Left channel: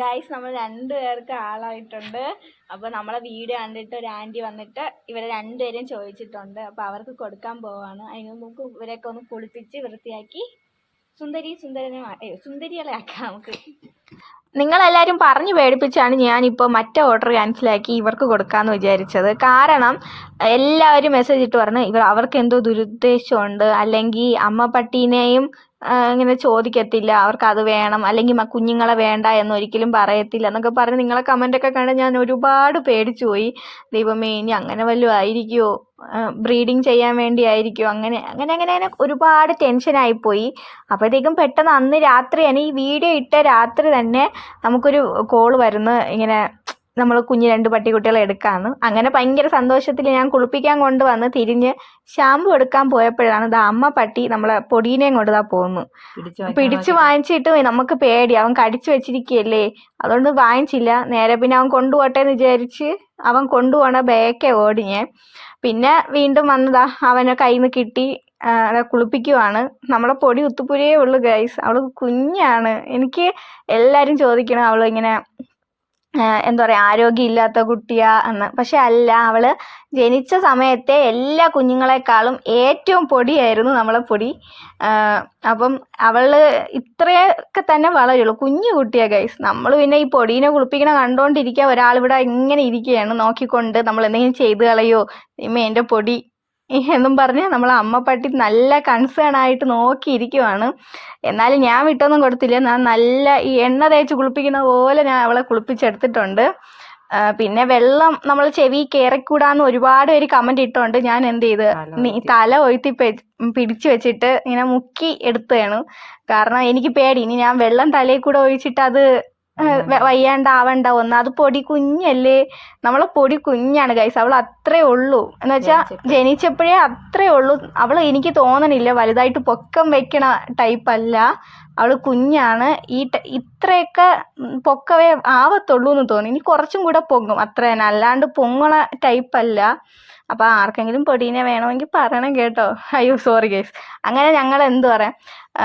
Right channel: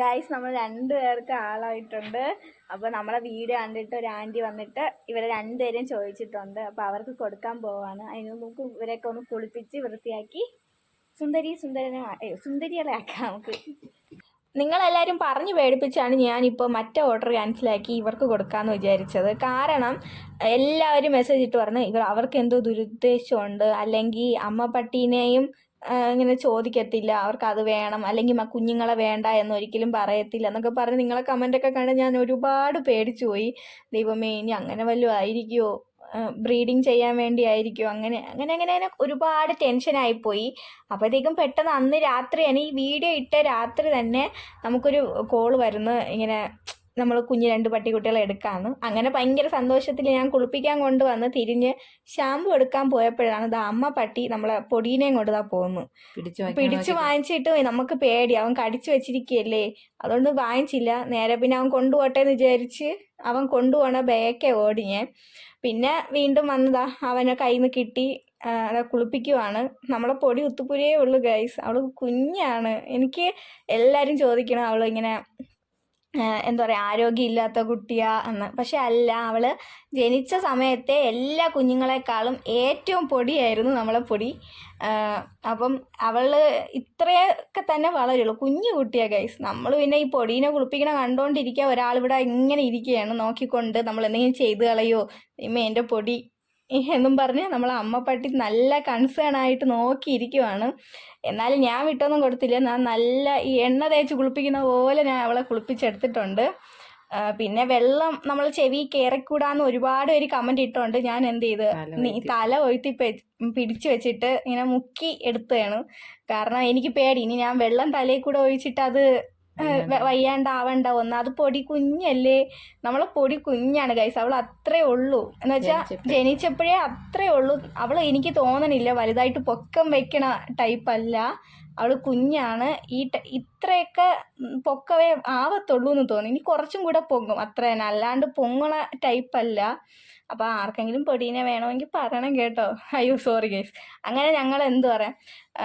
Guys നമ്മൾ രണ്ടു പേർക്ക് ആളായിട്ടുണ്ട്. അപ്പോൾ നമ്മളെ വീഡിയോ കണ്ടിട്ട് ഒരു ആന്റി വന്നിട്ട് ഇവരെ രണ്ടുപേരെയും ചോദിച്ചിട്ടുണ്ട്. അപ്പോൾ അവർക്ക് കൊടുക്കാൻ പോവാണ്. അതിന് നമുക്ക് ഇവരെയൊക്കെ ഒന്ന് കുളിപ്പിച്ച് വൃത്തിയാക്കി സുന്ദരി സുന്ദരനെ സുന്ദരികളെ ആക്കാം നമുക്ക്. നിങ്ങളെല്ലാവരും പറഞ്ഞു പേടിപ്പിച്ചാണ് ഞാനിപ്പോൾ മറ്റേ ഓർഡർ ക്യാൻസലാക്കി ഇവർക്ക് കൊടുക്കാമെന്ന് വിചാരിച്ചത്. കാരണം എല്ലാവരും മെസ്സേജ് ഇട്ട് പറഞ്ഞു ഇവർ അവർക്ക് എന്തോ ദുരുദ്ദേശമുണ്ട്. അല്ലെങ്കിൽ അമ്മ പട്ടീനെയും ഇങ്ങനെ ചോദിക്കത്തില്ല. അവർക്ക് അത് വേണം. അല്ലെങ്കിൽ കുഞ്ഞുങ്ങളെ വേണ്ട എന്നൊരിക്കലും പറയത്തില്ല എന്നൊക്കെ പറഞ്ഞ് നിങ്ങളെ കമന്റൊക്കെ കണ്ട് ഞാൻ ഒരുപാട് പേടിച്ചു പോയി. ദൈവമേ ഇനി അങ്ങനെ വല്ലതും ആയിരിക്കുമോ ബ്രീഡിങ് ചെയ്യാൻ വേണ്ടി ആയിരിക്കുമോ അങ്ങനെ അങ്ങനെ അങ്ങനെ അങ്ങനെ ഒരുപാട് ടെൻഷനായിപ്പോയി അപ്പോഴത്തേക്കും പെട്ടെന്ന് അന്ന് രാത്രി ഈ വീഡിയോ ഇട്ട രാത്രി തന്നെ നമുക്കൊരു കോൾ വരുന്നു. ഇങ്ങനെ നമ്മൾ കുഞ്ഞ് രണ്ട് പട്ടിക്കുട്ടികളെ എടുക്കാമെന്ന് അങ്ങനെ ഭയങ്കര സന്തോഷത്തിൽ ഞാൻ കുളിപ്പിക്കാൻ കൊണ്ടുവന്ന് തിരിഞ്ഞ് ഷാമ്പു എടുക്കാൻ പോയപ്പോഴാണ് ദാ അമ്മ പട്ടി നമ്മളെ പൊടീനെയും കൊണ്ട് ദാ പോകുന്നു പിടിച്ചു വാങ്ങിച്ചിട്ട് നമുക്ക് പേടി. അവൻ കടിച്ചു വെച്ചിരിക്കുകയല്ലേ അതുകൊണ്ട് വാങ്ങിച്ചില്ല. നേരെ പിന്നെ അവൻ കൊണ്ടുപോട്ടെ എന്ന് വിചാരിച്ച് അവൻ കൊണ്ടുപോണ ബേക്കെ ഓടി ഞാൻ. പിന്നെ വീണ്ടും വന്നതാ. അവനെ കയ്യിൽ നിന്ന് കിട്ടി കുളിപ്പിക്കുവാണ്. നമ്മളെ പൊടി ഉത്തുപുരയേ ഉള്ളൂ ഗൈസ് അവൾ കുഞ്ഞാണ്. എനിക്ക് എല്ലാരും ചോദിക്കണം അവൾ ഇങ്ങനെ എന്താ പറയുക ആരോഗ്യമില്ലാത്ത കുട്ടിയാ എന്ന് പക്ഷെ അല്ല അവൾ ജനിച്ച സമയത്തെ എല്ലാ കുഞ്ഞുങ്ങളെക്കാളും ഏറ്റവും പൊടിയായിരുന്നു നമ്മളെ പൊടി. അപ്പം അവൾ ഇത്രയൊക്കെ തന്നെ വളരുള്ളൂ. കുഞ്ഞു കുട്ടിയാ ഗൈസ് നമ്മൾ പിന്നെ ഈ പൊടീനെ കുളിപ്പിക്കണ കണ്ടോണ്ടിരിക്കുക ഒരാളിവിടെ ഇങ്ങനെ ഇരിക്കുകയാണ്. നോക്കിക്കൊണ്ട് നമ്മൾ എന്തെങ്കിലും ചെയ്ത് കളയോ? ഇമ്മ എന്റെ പൊടി. എന്നും പറഞ്ഞ് നമ്മളെ പട്ടി നല്ല കൺസേൺ ആയിട്ട് നോക്കിയിരിക്കുവാണ്. എന്നാലും ഞാൻ വിട്ടൊന്നും കൊടുത്തില്ല. ഞാൻ നല്ല ഈ എണ്ണ തേച്ച് കുളിപ്പിക്കുന്ന പോലെ ഞാൻ അവളെ കുളിപ്പിച്ചെടുത്തിട്ടുണ്ട്. പിന്നെ വെള്ളം നമ്മൾ ചെവി കയറിക്കൂടാന്ന് ഒരുപാട് പേര് കമന്റ് ഇട്ടുണ്ട് ഞാൻ എന്ത് ചെയ്ത്? നീ തല ഒഴുത്തി പിടിച്ചു വെച്ചിട്ട് ഇങ്ങനെ മുക്കി എടുത്തതാണ്. കാരണം എനിക്ക് പേടി. ഇനി ഞാൻ വെള്ളം തലയിൽ കൂടെ ഒഴിച്ചിട്ട് അത് വയ്യാണ്ടാവണ്ട ഒന്ന് അത് പൊടി കുഞ്ഞല്ലേ? നമ്മളെ പൊടി കുഞ്ഞാണ് ഗൈസ് അവൾ അത്രേ ഉള്ളൂ. എന്ന് വെച്ചാൽ ജനിച്ചപ്പോഴേ. അത്രേ ഉള്ളൂ. അവൾ എനിക്ക് തോന്നണില്ല വലുതായിട്ട് പൊക്കം വെക്കണ ടൈപ്പ് അല്ല. അവൾ കുഞ്ഞാണ്. ഈ ഇത്രയൊക്കെ പൊക്കവേ ആവത്തുള്ളൂ എന്ന് തോന്നി ഇനി കുറച്ചും കൂടെ പൊങ്ങും. അത്ര തന്നെ അല്ലാണ്ട് പൊങ്ങണ ടൈപ്പ് അല്ല. അപ്പോൾ ആർക്കെങ്കിലും പൊടീനെ വേണമെങ്കിൽ പറയണം കേട്ടോ. അയ്യോ സോറി ഗേസ് അങ്ങനെ ഞങ്ങൾ എന്ത് പറയാം?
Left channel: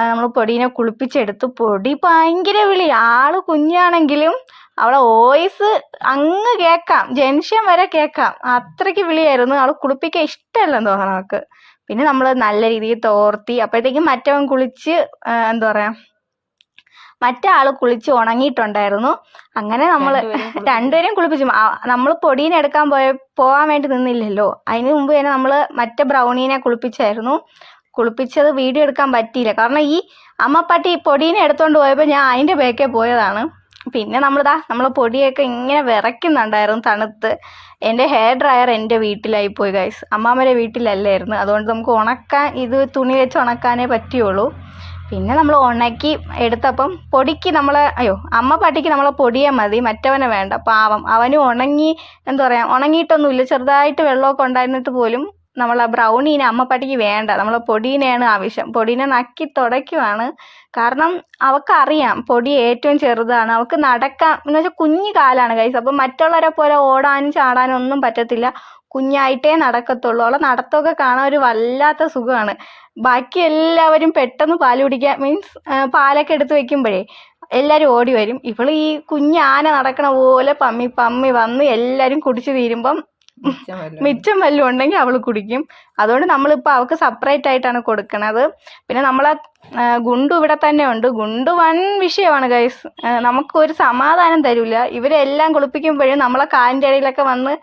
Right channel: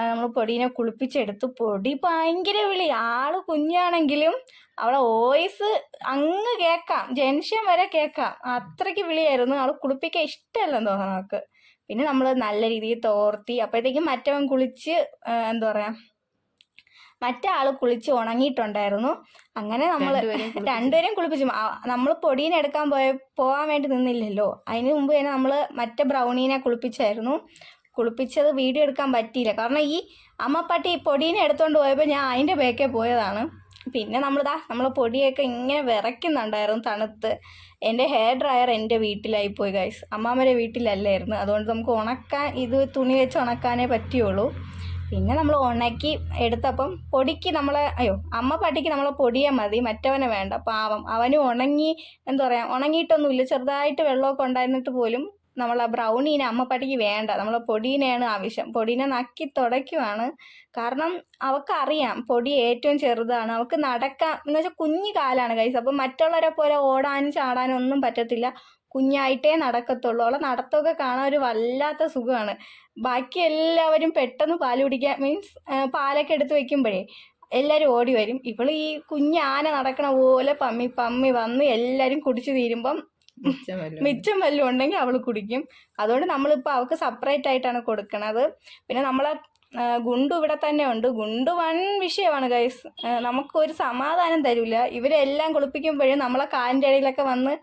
നമ്മൾ പൊടീനെ കുളിപ്പിച്ചെടുത്തു. പൊടി ഭയങ്കര വിളി. ആൾ കുഞ്ഞാണെങ്കിലും അവളെ വോയിസ് അങ്ങ് കേൾക്കാം. ജംഗ്ഷൻ വരെ കേൾക്കാം. അത്രയ്ക്ക് വിളിയായിരുന്നു. അവൾ കുളിപ്പിക്കാൻ ഇഷ്ടമല്ലെന്ന് തോന്നണം നമുക്ക് പിന്നെ നമ്മൾ നല്ല രീതിയിൽ തോർത്തി. അപ്പോഴത്തേക്കും മറ്റവൻ കുളിച്ച് എന്താ പറയാ മറ്റേ ആൾ കുളിച്ച് ഉണങ്ങിയിട്ടുണ്ടായിരുന്നു. അങ്ങനെ നമ്മൾ രണ്ടുപേരെയും കുളിപ്പിച്ചു. നമ്മൾ പൊടീനെ എടുക്കാൻ പോയ പോകാൻ വേണ്ടി നിന്നില്ലല്ലോ. അതിന് മുമ്പ് തന്നെ നമ്മൾ മറ്റേ ബ്രൗണീനെ കുളിപ്പിച്ചായിരുന്നു. കുളിപ്പിച്ചത് വീഡിയോ എടുക്കാൻ പറ്റിയില്ല. കാരണം ഈ അമ്മപ്പട്ടി പൊടീനെ എടുത്തോണ്ട് പോയപ്പോൾ ഞാൻ അതിന്റെ ബേക്കേ പോയതാണ്. പിന്നെ നമ്മളിതാ നമ്മൾ പൊടിയൊക്കെ ഇങ്ങനെ വിറയ്ക്കുന്നുണ്ടായിരുന്നു തണുത്ത്. എന്റെ ഹെയർ ഡ്രയർ എന്റെ വീട്ടിലായി പോയി ഗൈസ് അമ്മാമ്മയുടെ വീട്ടിലല്ലായിരുന്നു. അതുകൊണ്ട് നമുക്ക് ഉണക്കാൻ ഇത് തുണി വെച്ച് ഉണക്കാനേ പറ്റുള്ളൂ. പിന്നെ നമ്മൾ ഉണക്കി എടുത്തപ്പം പൊടിക്ക് നമ്മൾ അയ്യോ അമ്മ പട്ടിക്ക് നമ്മൾ പൊടിയെ മതി മറ്റവനെ വേണ്ട. പാവം. അവന് ഉണങ്ങി എന്താ പറയുക ഉണങ്ങിയിട്ടൊന്നുമില്ല. ചെറുതായിട്ട് വെള്ളമൊക്കെ ഉണ്ടായിരുന്നിട്ട് പോലും നമ്മൾ ആ ബ്രൗണീനെ അമ്മ പട്ടിക്ക് വേണ്ട. നമ്മൾ പൊടീനെയാണ് ആവശ്യം. പൊടീനെ നക്കി തുടയ്ക്കുവാണ്. കാരണം അവൾക്കറിയാം പൊടി ഏറ്റവും ചെറുതാണ്. അവൾക്ക് നടക്കാം എന്ന് വെച്ചാൽ കുഞ്ഞു കാലാണ് കൈസ് അപ്പം മറ്റുള്ളവരെ പോലെ ഓടാനും ചാടാനും ഒന്നും പറ്റത്തില്ല. കുഞ്ഞായിട്ടേ നടക്കത്തുള്ളൂ. അവളെ നടത്തമൊക്കെ കാണാൻ ഒരു വല്ലാത്ത സുഖമാണ്. ബാക്കി എല്ലാവരും പെട്ടെന്ന് പാൽ കുടിക്കുക മീൻസ് പാലൊക്കെ എടുത്ത് വെക്കുമ്പോഴേ എല്ലാവരും ഓടി വരും. ഇവൾ ഈ കുഞ്ഞ് ആന നടക്കണ പോലെ പമ്മി പമ്മി വന്ന് എല്ലാവരും കുടിച്ച് തീരുമ്പം മിച്ചം വല്ലതും ഉണ്ടെങ്കിൽ അവൾ കുടിക്കും. അതുകൊണ്ട് നമ്മളിപ്പോൾ അവൾക്ക് സെപ്പറേറ്റ് ആയിട്ടാണ് കൊടുക്കുന്നത് പിന്നെ നമ്മളെ ഗുണ്ടു ഇവിടെ തന്നെ ഉണ്ട്. ഗുണ്ടു വൺ വിഷയമാണ് ഗൈസ് നമുക്കൊരു സമാധാനം തരില്ല ഇവരെല്ലാം കുളിപ്പിക്കുമ്പോഴും നമ്മളെ കാലിന്റെ ഇടയിലൊക്കെ വന്ന്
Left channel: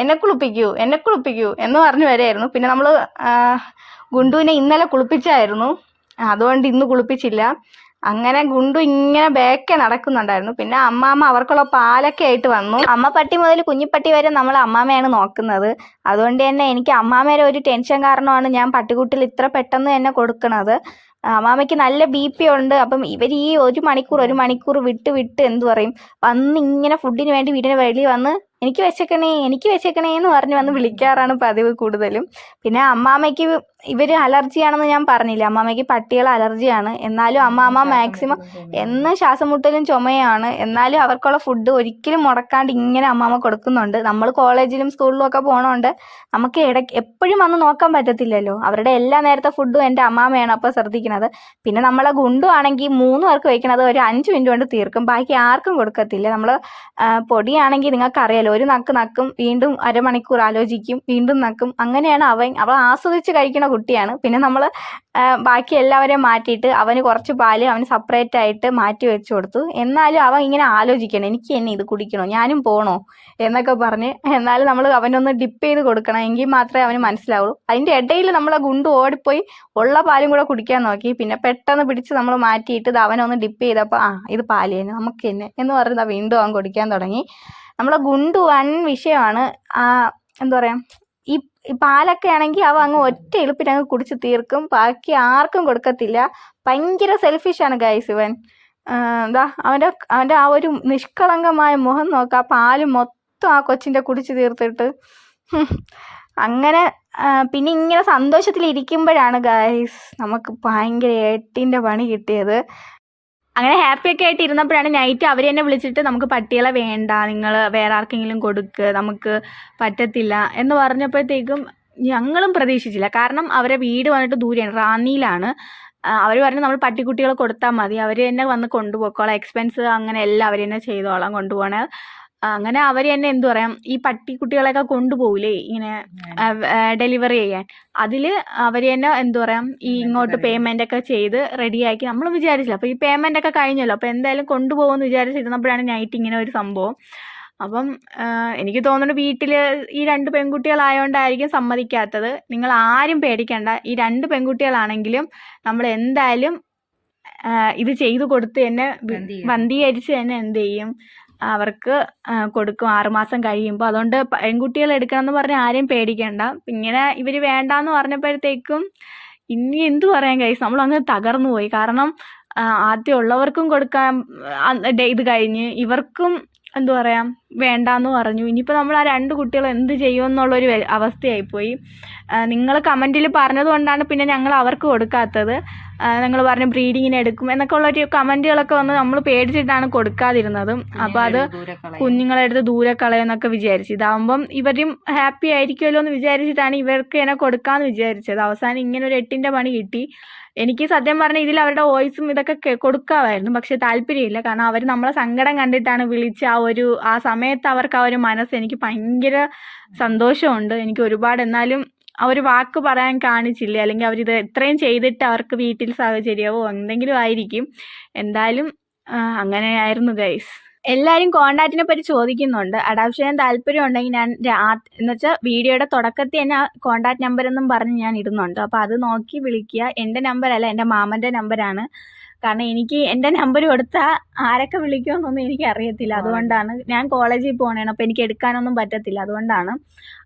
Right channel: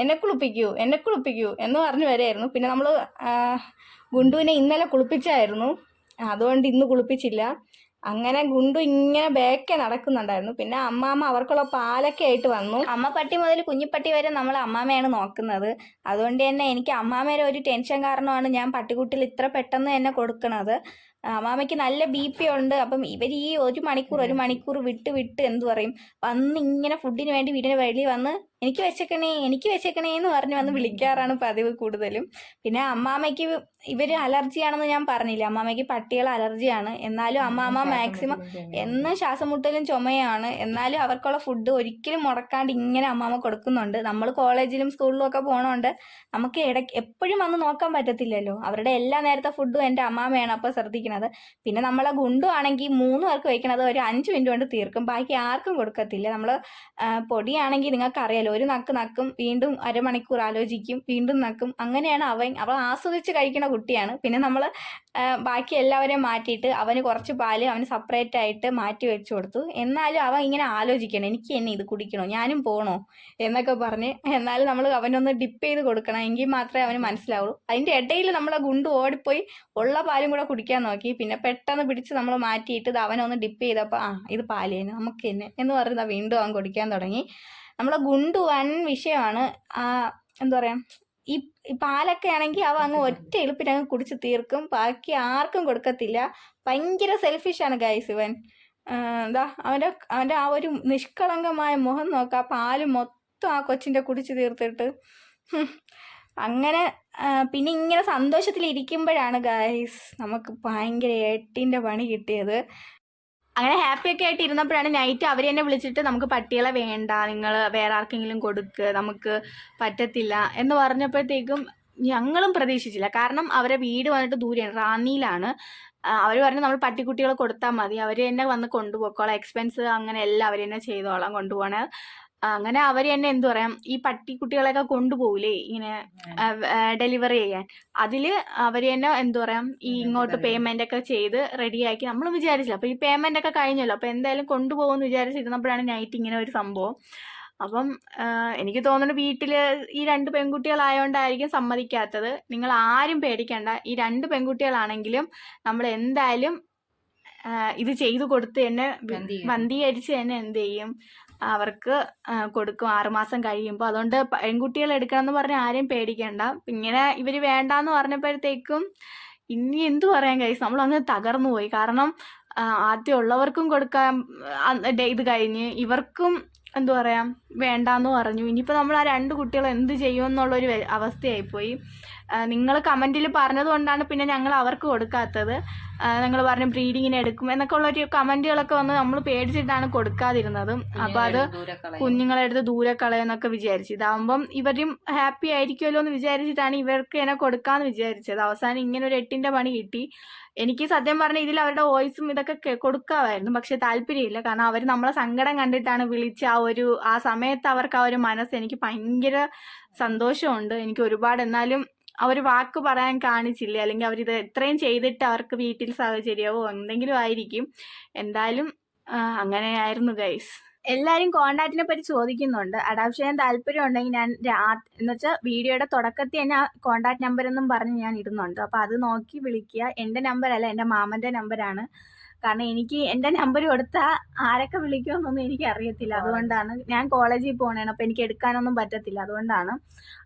എന്നെ കുളിപ്പിക്കൂ എന്നെ കുളിപ്പിക്കൂ എന്ന് പറഞ്ഞു വരായിരുന്നു. പിന്നെ നമ്മൾ ഗുണ്ടുവിനെ ഇന്നലെ കുളിപ്പിച്ചായിരുന്നു. അതുകൊണ്ട് ഇന്ന് കുളിപ്പിച്ചില്ല. അങ്ങനെ ഗുണ്ടു ഇങ്ങനെ ബേക്കെ നടക്കുന്നുണ്ടായിരുന്നു. പിന്നെ അമ്മാമ്മ അവർക്കുള്ള പാലൊക്കെ ആയിട്ട് വന്നു. അമ്മ പട്ടി മുതൽ കുഞ്ഞിപ്പട്ടി വരെ നമ്മൾ അമ്മാമ്മയാണ് നോക്കുന്നത്. അതുകൊണ്ട് തന്നെ എനിക്ക് അമ്മാമ്മയുടെ ഒരു ടെൻഷൻ കാരണമാണ് ഞാൻ പട്ടിക്കുട്ടിൽ ഇത്ര പെട്ടെന്ന് തന്നെ കൊടുക്കണത്. അമ്മാമ്മയ്ക്ക് നല്ല ബി പി ഉണ്ട്. അപ്പം ഇവർ ഈ ഒരു മണിക്കൂർ ഒരു മണിക്കൂർ വിട്ട് വിട്ട് എന്തു പറയും? വന്ന് ഇങ്ങനെ ഫുഡിന് വേണ്ടി വീടിന് വെളിയിൽ വന്ന് എനിക്ക് വെച്ചേക്കണേ എനിക്ക് വെച്ചേക്കണേ എന്ന് പറഞ്ഞ് വന്ന് വിളിക്കാറാണ് പതിവ് കൂടുതലും. പിന്നെ അമ്മാമ്മയ്ക്ക് ഇവർ അലർജിയാണെന്ന് ഞാൻ പറഞ്ഞില്ല? അമ്മാമ്മയ്ക്ക് പട്ടികൾ അലർജിയാണ്. എന്നാലും അമ്മാമ്മ മാക്സിമം എന്നും ശ്വാസം മുട്ടലും ചുമയാണ്. എന്നാലും അവർക്കുള്ള ഫുഡ് ഒരിക്കലും മുടക്കാണ്ട് ഇങ്ങനെ അമ്മാമ്മ കൊടുക്കുന്നുണ്ട്. നമ്മൾ കോളേജിലും സ്കൂളിലും ഒക്കെ പോകണോണ്ട് നമുക്ക് ഇടയ്ക്ക് എപ്പോഴും വന്ന് നോക്കാൻ പറ്റത്തില്ലല്ലോ. അവരുടെ എല്ലാ നേരത്തെ ഫുഡും എന്റെ അമ്മാമ്മയാണ് അപ്പോൾ ശ്രദ്ധിക്കുന്നത് പിന്നെ നമ്മളെ ഗുണ്ടു ആണെങ്കിൽ മൂന്ന് പേർക്ക് വയ്ക്കണത് ഒരു അഞ്ച് മിനിറ്റ് കൊണ്ട് തീർക്കും. ബാക്കി ആർക്കും കൊടുക്കത്തില്ല. നമ്മൾ പൊടിയാണെങ്കിൽ നിങ്ങൾക്കറിയാലോ ഒരു നക്ക് നക്കും വീണ്ടും അരമണിക്കൂർ ആലോചിക്കും വീണ്ടും നക്കും. അങ്ങനെയാണ് അവൻ അവൾ ആസ്വദിച്ച് കഴിക്കുന്ന കുട്ടിയാണ്. പിന്നെ നമ്മൾ ബാക്കി എല്ലാവരെയും മാറ്റിയിട്ട് അവന് കുറച്ച് പാൽ അവന് സെപ്പറേറ്റ് ആയിട്ട് മാറ്റി വെച്ചു കൊടുത്തു. എന്നാലും അവൻ ഇങ്ങനെ ആലോചിക്കണം എനിക്ക് എന്നെ ഇത് കുടിക്കണോ? ഞാനും പോണോ? എന്നൊക്കെ പറഞ്ഞ് എന്നാലും നമ്മൾ അവനൊന്ന് ഡിപ്പ് ചെയ്ത് കൊടുക്കണം എങ്കിൽ മാത്രമേ അവന് മനസ്സിലാവുള്ളൂ. അതിന്റെ ഇടയിൽ നമ്മൾ ഗുണ്ടു ഓടിപ്പോയി ഉള്ള പാലും കൂടെ കുടിക്കാൻ നോക്കി. പിന്നെ പെട്ടെന്ന് പിടിച്ച് നമ്മൾ മാറ്റിയിട്ട് ഇത് അവനൊന്ന് ഡിപ്പ് ചെയ്തപ്പോൾ ആ ഇത് പാൽ തന്നെ നമുക്ക് തന്നെ എന്ന് പറഞ്ഞ് വീണ്ടും അവൻ കുടിക്കാൻ തുടങ്ങി. നമ്മളെ ഗുണ്ടു വൻ വിഷയമാണ്. ആ, എന്താ പറയുക പാലൊക്കെ ആണെങ്കിൽ അവ അങ്ങ് ഒറ്റ എളുപ്പിന് അങ്ങ് കുടിച്ച് തീർക്കും. ബാക്കി ആർക്കും കൊടുക്കത്തില്ല. ഭയങ്കര സെൽഫിഷാണ് ഗൈസ് ഇവൻ. എന്താ അവന്റെ അവന്റെ ആ ഒരു നിഷ്കളങ്കമായ മുഖം നോക്കുക ആ പാൽ മൊത്തം ആ കൊച്ചിന്റെ കുടിച്ച് തീർത്തിട്ട്. അങ്ങനെ പിന്നെ ഇങ്ങനെ സന്തോഷത്തിൽ ഇരിക്കുമ്പോഴാണ് ഗൈസ് നമുക്ക് ഭയങ്കര എട്ടിന്റെ പണി കിട്ടിയത്. അങ്ങനെ ഹാപ്പി ഒക്കെ ആയിട്ട് ഇരുന്നപ്പോഴാണ് നൈറ്റ് അവർ എന്നെ വിളിച്ചിട്ട് നമുക്ക് പട്ടികളെ വേണ്ട നിങ്ങൾ വേറെ ആർക്കെങ്കിലും കൊടുക്ക് നമുക്ക് പറ്റത്തില്ല എന്ന് പറഞ്ഞപ്പോഴത്തേക്കും ഞങ്ങളും പ്രതീക്ഷിച്ചില്ല. കാരണം അവരെ വീട് വന്നിട്ട് ദൂരെയാണ് റാന്നിയിലാണ്. അവർ പറഞ്ഞു നമ്മൾ പട്ടിക്കുട്ടികളെ കൊടുത്താൽ മതി അവർ തന്നെ വന്ന് കൊണ്ടുപോയിക്കോളാം എക്സ്പെൻസ് അങ്ങനെ എല്ലാം അവർ തന്നെ ചെയ്തോളാം കൊണ്ടുപോകണേ അങ്ങനെ അവർ തന്നെ എന്തു പറയാം ഈ പട്ടിക്കുട്ടികളെയൊക്കെ കൊണ്ടുപോകൂലേ ഇങ്ങനെ ഡെലിവറി ചെയ്യാൻ. അതിൽ അവർ തന്നെ എന്തു പറയാം ഈ ഇങ്ങോട്ട് പേയ്മെന്റ് ഒക്കെ ചെയ്ത് റെഡിയാക്കി. നമ്മൾ വിചാരിച്ചില്ല. അപ്പൊ ഈ പേയ്മെന്റ് ഒക്കെ കഴിഞ്ഞല്ലോ. അപ്പൊ എന്തായാലും കൊണ്ടുപോകുമെന്ന് വിചാരിച്ചിരുന്നപ്പോഴാണ് നൈറ്റ് ഇങ്ങനെ ഒരു സംഭവം. അപ്പം എനിക്ക് തോന്നുന്നു വീട്ടിൽ ഈ രണ്ട് പെൺകുട്ടികളായോണ്ടായിരിക്കും സമ്മതിക്കാത്തത്. നിങ്ങൾ ആരും പേടിക്കണ്ട. ഈ രണ്ട് പെൺകുട്ടികളാണെങ്കിലും നമ്മൾ എന്തായാലും ഇത് ചെയ്തു കൊടുത്ത് തന്നെ വന്ധീകരിച്ച്. ബന്ധീകരിച്ച് തന്നെ എന്ത് ചെയ്യും? അവർക്ക് കൊടുക്കും. ആറുമാസം കഴിയുമ്പോൾ അതുകൊണ്ട് പെൺകുട്ടികൾ എടുക്കണമെന്ന് പറഞ്ഞാൽ പറഞ്ഞ് ആരെയും പേടിക്കണ്ട. ഇങ്ങനെ ഇവർ വേണ്ടാന്ന് പറഞ്ഞപ്പോഴത്തേക്കും ഇനി എന്തു പറയാൻ കഴിയും? നമ്മൾ അങ്ങ് തകർന്നു പോയി. കാരണം ആദ്യം ഉള്ളവർക്കും കൊടുക്കാൻ ഇത് കഴിഞ്ഞ് ഇവർക്കും എന്തു പറയാം? വേണ്ടാന്ന് പറഞ്ഞു. ഇനിയിപ്പോൾ നമ്മൾ ആ രണ്ട് കുട്ടികൾ എന്ത് ചെയ്യുമെന്നുള്ളൊരു അവസ്ഥയായിപ്പോയി. നിങ്ങൾ കമന്റിൽ പറഞ്ഞത് കൊണ്ടാണ് പിന്നെ ഞങ്ങൾ അവർക്ക് കൊടുക്കാത്തത്. നിങ്ങൾ പറഞ്ഞു ബ്രീഡിങ്ങിന് എടുക്കും എന്നൊക്കെ ഉള്ള ഒരു കമന്റുകളൊക്കെ വന്ന് നമ്മൾ പേടിച്ചിട്ടാണ് കൊടുക്കാതിരുന്നത്. അപ്പോൾ അത് കുഞ്ഞുങ്ങളെ എടുത്ത് ദൂരെ കളയെന്നൊക്കെ വിചാരിച്ചു. ഇതാവുമ്പം ഇവരും ഹാപ്പി ആയിരിക്കുമല്ലോ എന്ന് വിചാരിച്ചിട്ടാണ് ഇവർക്ക് എന്നെ കൊടുക്കാന്ന് വിചാരിച്ചത്. അവസാനം ഇങ്ങനെ ഒരു എട്ടിന്റെ പണി കിട്ടി. എനിക്ക് സത്യം പറഞ്ഞാൽ ഇതിൽ അവരുടെ വോയിസും ഇതൊക്കെ കൊടുക്കാമായിരുന്നു. പക്ഷെ താല്പര്യമില്ല. കാരണം അവർ നമ്മളെ സങ്കടം കണ്ടിട്ടാണ് വിളിച്ച ആ ഒരു ആ സമയത്ത് അവർക്ക് ആ ഒരു മനസ്സ് എനിക്ക് ഭയങ്കര സന്തോഷമുണ്ട്. എനിക്ക് ഒരുപാട് എന്നാലും ഒരു വാക്ക് പറയാൻ കാണിച്ചില്ല? അല്ലെങ്കിൽ അവരിത് ഇത്രയും ചെയ്തിട്ട് അവർക്ക് വീട്ടിൽ സാഹചര്യമോ എന്തെങ്കിലും ആയിരിക്കും. എന്തായാലും അങ്ങനെയായിരുന്നു ഗൈസ്. എല്ലാവരും കോണ്ടാക്റ്റിനെ പറ്റി ചോദിക്കുന്നുണ്ട്. അഡാപ്ഷന് താല്പര്യം ഉണ്ടെങ്കിൽ ഞാൻ എന്ന് വെച്ചാൽ വീഡിയോയുടെ തുടക്കത്തിൽ തന്നെ കോണ്ടാക്ട് നമ്പർ എന്നും പറഞ്ഞ് ഞാൻ ഇടുന്നുണ്ട്. അപ്പോൾ അത് നോക്കി വിളിക്കുക. എന്റെ നമ്പറല്ല എന്റെ മാമന്റെ നമ്പറാണ് കാരണം എനിക്ക് എന്റെ നമ്പർ കൊടുത്താൽ ആരൊക്കെ വിളിക്കുമെന്നൊന്നും എനിക്ക് അറിയത്തില്ല അതുകൊണ്ടാണ് ഞാൻ കോളേജിൽ പോകണേണ് അപ്പോൾ എനിക്ക് എടുക്കാനൊന്നും പറ്റത്തില്ല. അതുകൊണ്ടാണ്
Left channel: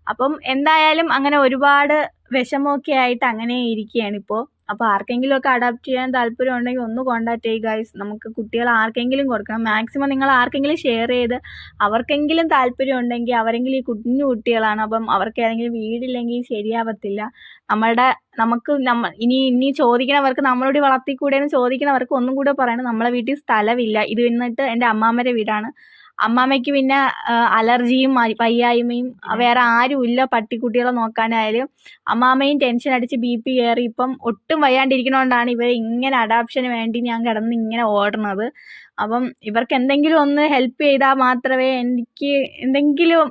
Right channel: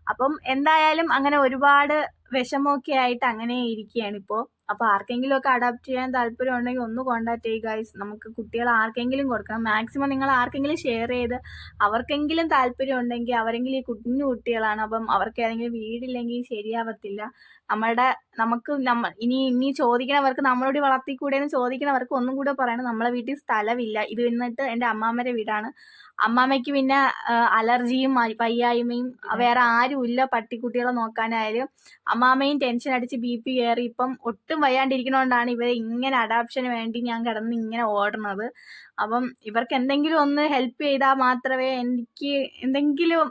അപ്പം എന്തായാലും അങ്ങനെ ഒരുപാട് വിഷമമൊക്കെ ആയിട്ട് അങ്ങനെ ഇരിക്കുകയാണ് ഇപ്പോൾ അപ്പോൾ ആർക്കെങ്കിലും ഒക്കെ അഡാപ്റ്റ് ചെയ്യാൻ താല്പര്യം ഉണ്ടെങ്കിൽ ഒന്ന് കോൺടാക്ട് ചെയ്യുക ഗൈസ് നമുക്ക് കുട്ടികൾ ആർക്കെങ്കിലും കൊടുക്കണം. മാക്സിമം നിങ്ങൾ ആർക്കെങ്കിലും ഷെയർ ചെയ്ത് അവർക്കെങ്കിലും താല്പര്യം ഉണ്ടെങ്കിൽ അവരെങ്കിലും ഈ കുഞ്ഞു കുട്ടികളാണ്. അപ്പം അവർക്ക് ഏതെങ്കിലും വീടില്ലെങ്കിൽ ശരിയാവത്തില്ല. നമ്മളുടെ നമുക്ക് നമ്മ ഇനി ഇനി ചോദിക്കണവർക്ക് നമ്മളോട് വളർത്തിക്കൂടെ എന്ന് ചോദിക്കണവർക്ക് ഒന്നും കൂടെ പറയണം. നമ്മളെ വീട്ടിൽ സ്ഥലമില്ല. ഇത് വന്നിട്ട് എന്റെ അമ്മാമ്മയുടെ വീടാണ്. അമ്മാമ്മയ്ക്ക് പിന്നെ അലർജിയും പയ്യായ്മയും വയ്യായ്മയും വേറെ ആരുമില്ല പട്ടിക്കുട്ടികളെ നോക്കാനായാലും അമ്മാമ്മയും ടെൻഷൻ അടിച്ച് ബി പി കയറി ഇപ്പം ഒട്ടും വയ്യാണ്ടിരിക്കണോണ്ടാണ് ഇവരെ ഇങ്ങനെ അഡാപ്ഷന് വേണ്ടി ഞാൻ കിടന്ന് ഇങ്ങനെ ഓടുന്നത് അപ്പം ഇവർക്ക് എന്തെങ്കിലും ഒന്ന് ഹെൽപ്പ് ചെയ്താൽ മാത്രമേ എനിക്ക് എന്തെങ്കിലും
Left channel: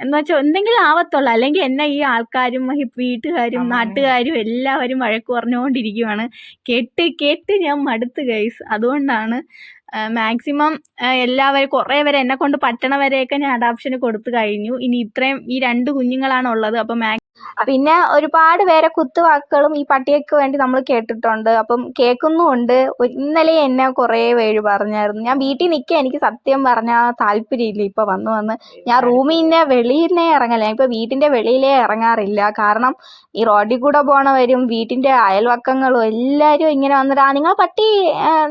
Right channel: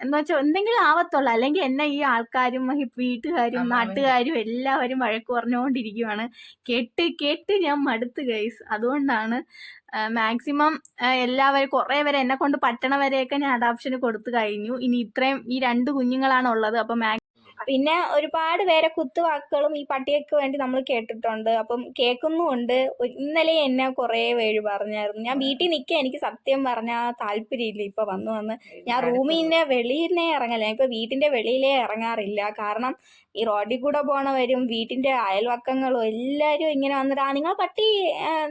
എന്ന് വെച്ചാൽ എന്തെങ്കിലും ആവത്തുള്ളൂ. അല്ലെങ്കിൽ എന്നെ ഈ ആൾക്കാരും വീട്ടുകാരും നാട്ടുകാരും എല്ലാവരും വഴക്ക് പറഞ്ഞുകൊണ്ടിരിക്കുവാണ് കേട്ട് കേട്ട് ഞാൻ മടുത്ത് ഗൈസ് അതുകൊണ്ടാണ് മാക്സിമം എല്ലാവരും കുറേ പേരെ എന്നെ കൊണ്ട് പറ്റണവരെയൊക്കെ ഞാൻ അഡാപ്ഷന് കൊടുത്തു കഴിഞ്ഞു. ഇനി ഇത്രയും ഈ രണ്ട് കുഞ്ഞുങ്ങളാണ് ഉള്ളത് അപ്പം മാക്സിമം പിന്നെ ഒരുപാട് പേരെ കുത്തുവാക്കുകളും ഈ പട്ടിയക്ക് വേണ്ടി നമ്മൾ കേട്ടിട്ടുണ്ട്. അപ്പം കേൾക്കുന്നുമുണ്ട്. ഇന്നലെ എന്നെ കുറേ പേര് പറഞ്ഞായിരുന്നു. ഞാൻ വീട്ടിൽ നിൽക്കുക എനിക്ക് സത്യം പറഞ്ഞാൽ താല്പര്യമില്ല. ഇപ്പോൾ വന്ന് വന്ന് ഞാൻ നിന്ന് വെളിയിലേ ഇറങ്ങല ഞാൻ ഇപ്പോൾ വീട്ടിന്റെ വെളിയിലേ ഇറങ്ങാറില്ല. കാരണം ഈ റോഡിൽ കൂടെ പോണവരും വീട്ടിന്റെ അയൽവക്കങ്ങളും എല്ലാരും ഇങ്ങനെ വന്നിട്ട് ആ നിങ്ങൾ പട്ടി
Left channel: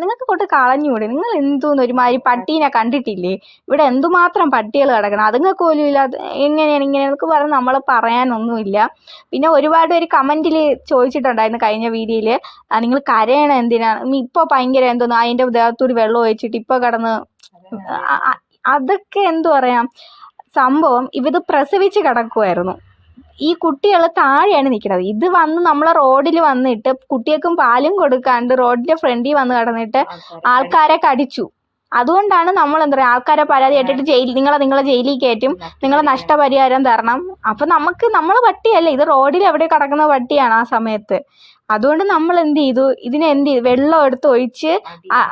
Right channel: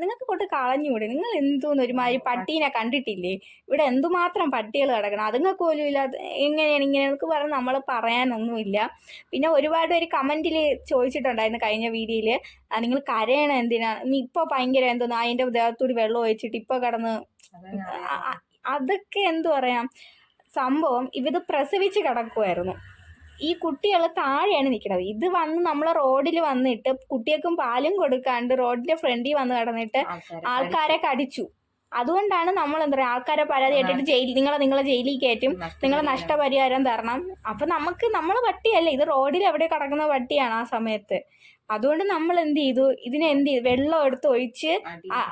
നിങ്ങൾക്ക് കൊണ്ട് കളഞ്ഞൂടെ? നിങ്ങൾ എന്തോന്ന്? ഒരുമാതിരി പട്ടീനെ കണ്ടിട്ടില്ലേ? ഇവിടെ എന്തുമാത്രം പട്ടികൾ കിടക്കണം? അതുങ്ങൾക്ക് പോലും ഇല്ല എങ്ങനെയാണ് ഇങ്ങനെ എന്നൊക്കെ പറഞ്ഞ് നമ്മൾ പറയാനൊന്നുമില്ല. പിന്നെ ഒരുപാട് പേര് കമന്റിൽ ചോദിച്ചിട്ടുണ്ടായിരുന്നു കഴിഞ്ഞ വീഡിയോയിൽ നിങ്ങൾ കരയണം എന്തിനാണ് ഇപ്പോൾ ഭയങ്കര എന്തോന്ന്? അതിന്റെ ദേഹത്തൂടി വെള്ളം ഒഴിച്ചിട്ട് ഇപ്പോൾ കിടന്ന് അതൊക്കെ എന്തു പറയാം? സംഭവം ഇവത് പ്രസവിച്ച് കിടക്കുമായിരുന്നു ഈ കുട്ടികൾ താഴെയാണ് നിൽക്കുന്നത് ഇത് വന്ന് നമ്മളെ റോഡിൽ വന്നിട്ട് കുട്ടികൾക്കും പാലും കൊടുക്കാണ്ട് റോഡിന്റെ ഫ്രണ്ടിൽ വന്ന് കടന്നിട്ട് ആൾക്കാരെ കടിച്ചു. അതുകൊണ്ടാണ് നമ്മൾ എന്താ പറയുക ആൾക്കാരെ പരാതി കേട്ടിട്ട് ജയിൽ നിങ്ങളെ നിങ്ങളെ ജയിലിൽ കയറ്റും. നിങ്ങളെ നഷ്ടപരിഹാരം തരണം. അപ്പം നമുക്ക് നമ്മൾ പട്ടിയല്ല ഇത് റോഡിൽ എവിടെ കിടക്കുന്ന പട്ടിയാണ് ആ സമയത്ത്. അതുകൊണ്ട് നമ്മൾ എന്ത് ചെയ്തു? ഇതിനെ എന്ത് ചെയ്തു? വെള്ളം എടുത്ത് ഒഴിച്ച്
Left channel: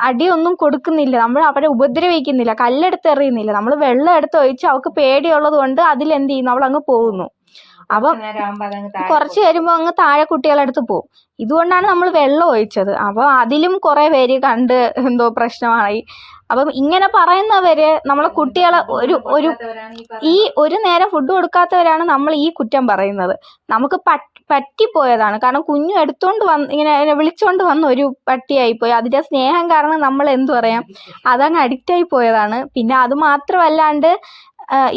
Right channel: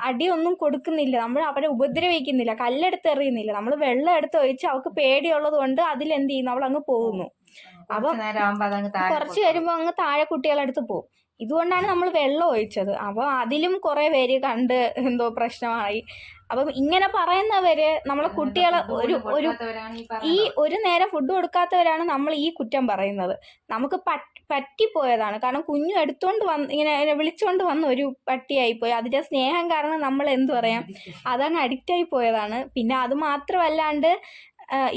അടിയൊന്നും കൊടുക്കുന്നില്ല. നമ്മൾ അവരെ ഉപദ്രവിക്കുന്നില്ല. കല്ലെടുത്ത് എറിയുന്നില്ല. നമ്മൾ വെള്ളം എടുത്ത് ഒഴിച്ച് അവൾക്ക് പേടിയുള്ളത് കൊണ്ട് അതിൽ എന്ത് ചെയ്യുന്നു? അവൾ അങ്ങ് പോകുന്നു. അപ്പം കുറച്ച് വരുമ്പോൾ അങ്ങ് താഴെ കുട്ടികളടുത്ത് പോകും ഇതുകൊണ്ടാണ് നമ്മൾ വെള്ളം ഒഴിച്ചത്. അപ്പോൾ അതിലും കുറേ പേര് കണ്ട് എന്തോ പ്രശ്നമായി. അപ്പം ഇങ്ങനെ പറയുന്നവര് നമ്മളെ കുട്ടികളെ ഒരു ഒരു ഈ ഒരു നേരം ഫുഡ് കൊടുക്കാത്തവരാണ് നമ്മൾ ഈ കുറ്റം പറയുന്നത്. നമുക്ക് പറ്റി പറ്റിപ്പോയതാണ്. കാരണം കുഞ്ഞു എടുത്തോണ്ട് വന്ന് ഇങ്ങനെ വിളിച്ചോണ്ട് വന്ന ഒരു പട്ടിയായി പോയി. അതിന്റെ സ്നേഹം കാരണം നമ്മൾ എന്തു പറയാം? അതങ്ങ് അഡിക്റ്റ് ആയി പോയതാണ്. പിന്നെ അത് മാത്രമല്ലാണ്ട്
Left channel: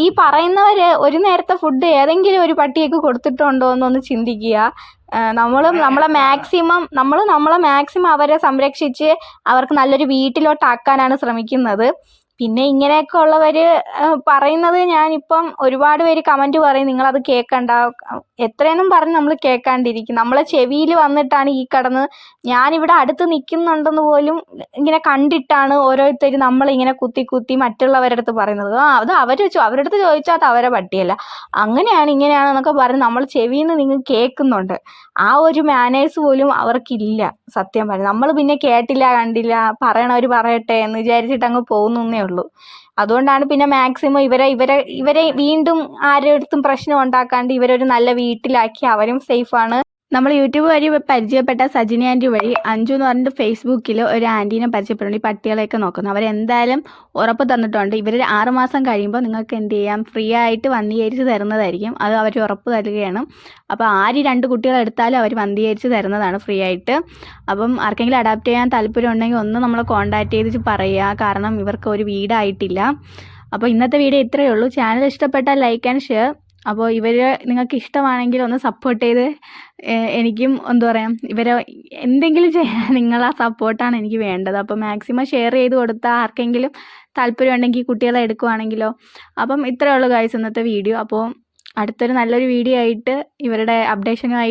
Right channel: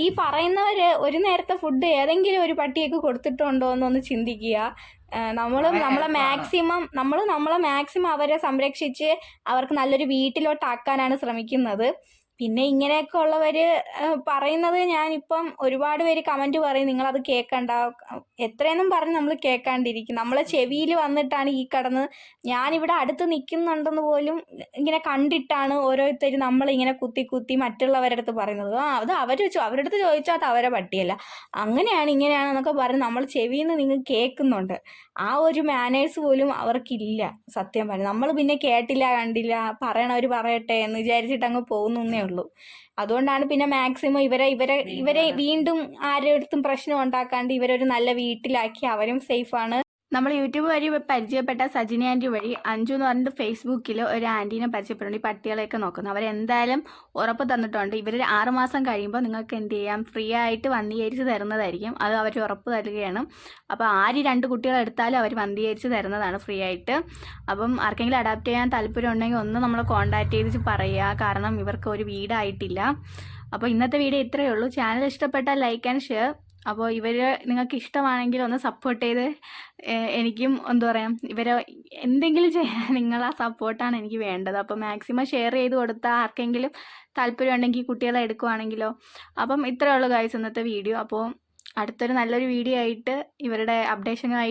ഈ പറയുന്നവര് ഒരു നേരത്തെ ഫുഡ് ഏതെങ്കിലും ഒരു പട്ടിയൊക്കെ കൊടുത്തിട്ടുണ്ടോ എന്നൊന്ന് ചിന്തിക്കുക. നമ്മൾ നമ്മളെ മാക്സിമം നമ്മൾ നമ്മളെ മാക്സിമം അവരെ സംരക്ഷിച്ച് അവർക്ക് നല്ലൊരു വീട്ടിലോട്ടാക്കാനാണ് ശ്രമിക്കുന്നത്. പിന്നെ ഇങ്ങനെയൊക്കെ ഉള്ളവർ പറയുന്നത് ഞാനിപ്പം ഒരുപാട് പേര് കമന്റ് പറയും നിങ്ങളത് കേൾക്കണ്ട എത്രയെന്നും പറഞ്ഞ് നമ്മൾ കേൾക്കാണ്ടിരിക്കും നമ്മളെ ചെവിയിൽ വന്നിട്ടാണ് ഈ കടന്ന് ഞാനിവിടെ അടുത്ത് നിൽക്കുന്നുണ്ടെന്ന് പോലും ഇങ്ങനെ കണ്ടിട്ടാണ് ഓരോരുത്തർ നമ്മളിങ്ങനെ കുത്തി കുത്തി മറ്റുള്ളവരുടെ അടുത്ത് പറയുന്നത്. ആ അത് അവർ അവരുടെ അടുത്ത് ചോദിച്ചാൽ അത് അവരെ പട്ടിയല്ല. അങ്ങനെയാണ് ഇങ്ങനെയാണ് എന്നൊക്കെ പറഞ്ഞ് നമ്മൾ ചെവിയിൽ നിന്ന് നിങ്ങൾ കേൾക്കുന്നുണ്ട്. ആ ഒരു മാനേഴ്സ് പോലും അവർക്കില്ല. സത്യം പറഞ്ഞു. നമ്മൾ പിന്നെ കേട്ടില്ല കണ്ടില്ല പറയണവർ പറയട്ടെ എന്ന് വിചാരിച്ചിട്ട് അങ്ങ് പോകുന്നേ ഉള്ളൂ. അതുകൊണ്ടാണ് പിന്നെ മാക്സിമം ഇവരെ ഇവരെ ഇവരെ വീണ്ടും ആരുടെ അടുത്തും പ്രശ്നം ഉണ്ടാക്കാണ്ട് ഇവരൊരു നല്ല വീട്ടിലാക്കി അവരും സേഫാണ്. നമ്മൾ യൂട്യൂബ് വഴി പരിചയപ്പെട്ട സജിനി ആന്റി വഴി അഞ്ജു എന്ന് പറഞ്ഞിട്ട് ഫേസ്ബുക്കിൽ ഒരു ആന്റീനെ പരിചയപ്പെടുന്നുണ്ട്. ഈ പട്ടികളെയൊക്കെ നോക്കുന്നു. അവരെന്തായാലും ഉറപ്പ് തന്നിട്ടുണ്ട്. ഇവർ ആറുമാസം കഴിയുമ്പോൾ നിങ്ങൾക്ക് എന്ത് ചെയ്യാം? ഫ്രീ ആയിട്ട് വന്ധീകരിച്ച് തരുന്നതായിരിക്കും. അത് അവർ ഉറപ്പ് തരികയാണ്. അപ്പോൾ ആര് രണ്ട് കുട്ടികളെടുത്താലും അവർ വന്ധീകരിച്ച് തരുന്നതാണ് ഫ്രീ ആയിട്ട്. അപ്പം ആർക്കെങ്കിലും അഡാപ്റ്റ് ചെയ്യാൻ താല്പര്യം ഉണ്ടെങ്കിൽ ഒന്ന് നമ്മളെ കോൺടാക്ട് ചെയ്ത് പറയുക. കാരണം ഇവർക്ക് ഒരു വീടായിട്ടില്ല. അപ്പോൾ ഇന്നത്തെ വീഡിയോ ഇത്രയേ ഉള്ളൂ. ചാനൽ ഇഷ്ടപ്പെട്ടാൽ ലൈക്ക് ആൻഡ് ഷെയർ. അപ്പോൾ ഇവരെ നിങ്ങൾക്ക് ഇഷ്ടമാണെങ്കിൽ ഒന്ന് സപ്പോർട്ട് ചെയ്ത് എനിക്കും എന്താ പറയുക ഇവരെ എന്തെങ്കിലും ചെയ്യാൻ നിങ്ങളെ സപ്പോർട്ടാണ് എനിക്ക് വേണ്ടത്. അപ്പോൾ മാക്സിമം ഷെയർ ചെയ്ത് കൊടുത്താൽ ആർക്കെങ്കിലും താല്പര്യം ഉണ്ടെങ്കിൽ കുട്ടികളെ എടുക്കുവാണെങ്കിലോ. അപ്പം ഇത്രയേ ഉള്ളൂ ഗൈസ് ഇന്നത്തെ വീഡിയോ അപ്പോൾ അടുത്തൊരു നല്ലൊരു വീഡിയോ ആയിട്ട് ഇവരുടെ അപ്ഡേഷനുമായി